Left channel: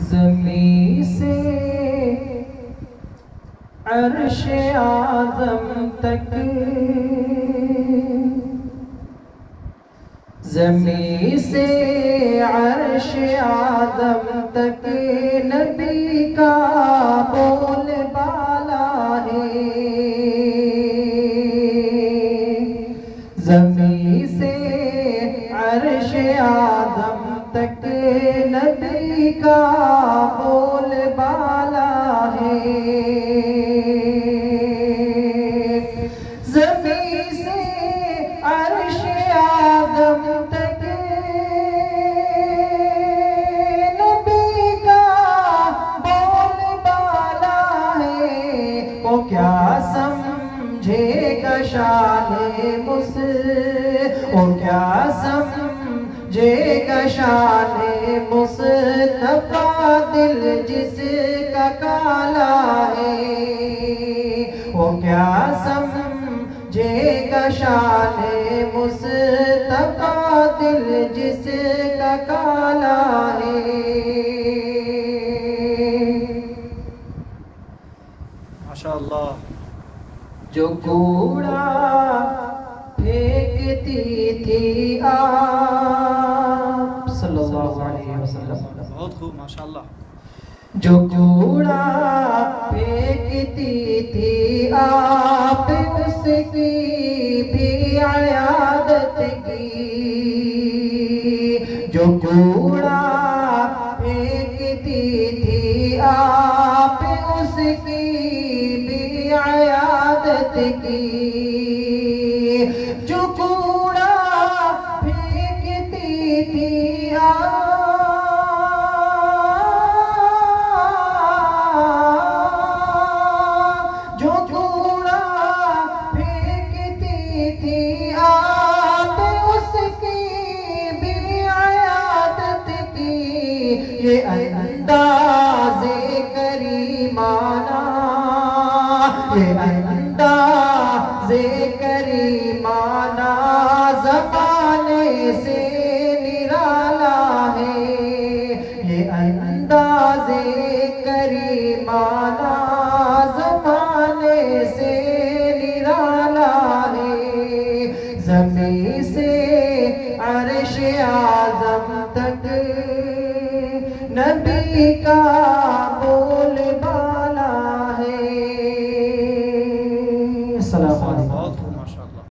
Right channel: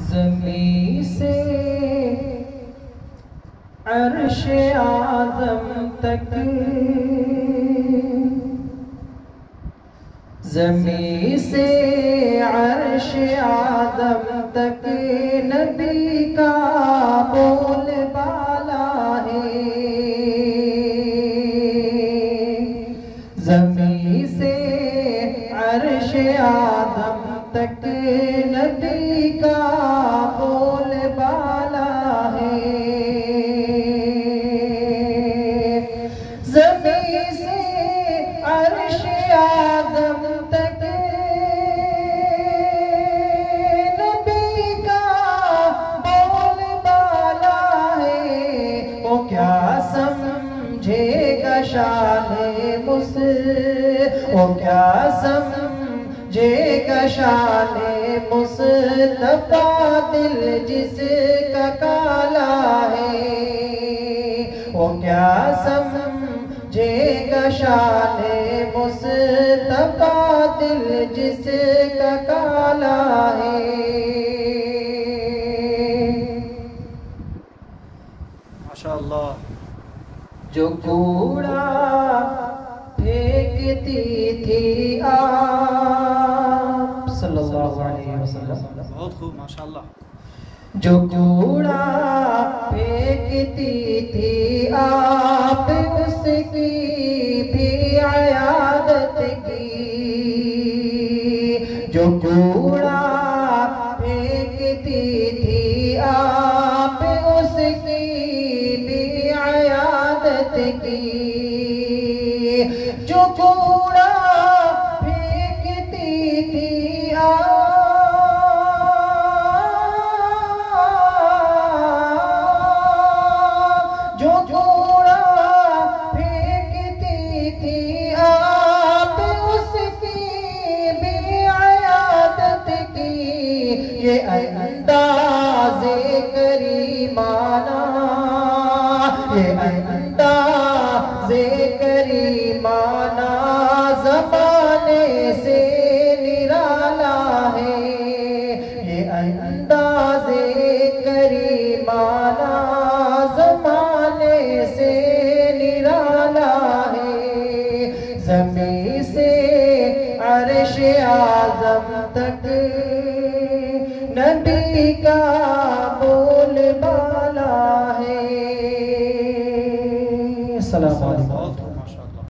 زمین سے عرش اعظم تک، زمین سے عرش اعظم تک نبی کا بول بالا ہے۔ زمین سے عرش اعظم تک نبی کا بول بالا ہے۔ زمین سے عرش اعظم تک نبی کا بول بالا ہے۔ وہ کیا سمجھے گا شان وہ کیا سمجھے گا شان مصطفیٰ، دل جس کا کالا ہے۔ وہ کیا سمجھے گا شان مصطفیٰ، دل جس کا کالا ہے۔ ماشاءاللہ۔ جو کوڑا پھینکتی تھی آپ صلی اللہ علیہ وسلم، بہت خوب ماشاءاللہ۔ جو کوڑا پھینکتی تھی آپ، اس کی بھی عیادت کی۔ جو کوڑا پھینکتی تھی آپ، اس کی بھی عیادت کی۔ جو کوڑا پھینکتی تھی جو کوڑا پھینکتی تھی آپ، اس کی بھی عیادت کی۔ یہ انداز کریمانہ، یہ انداز کریمانہ زمانے سے نرالا ہے۔ یہ انداز کریمانہ زمانے سے نرالا ہے۔ زمین سے عرش اعظم تک نبی کا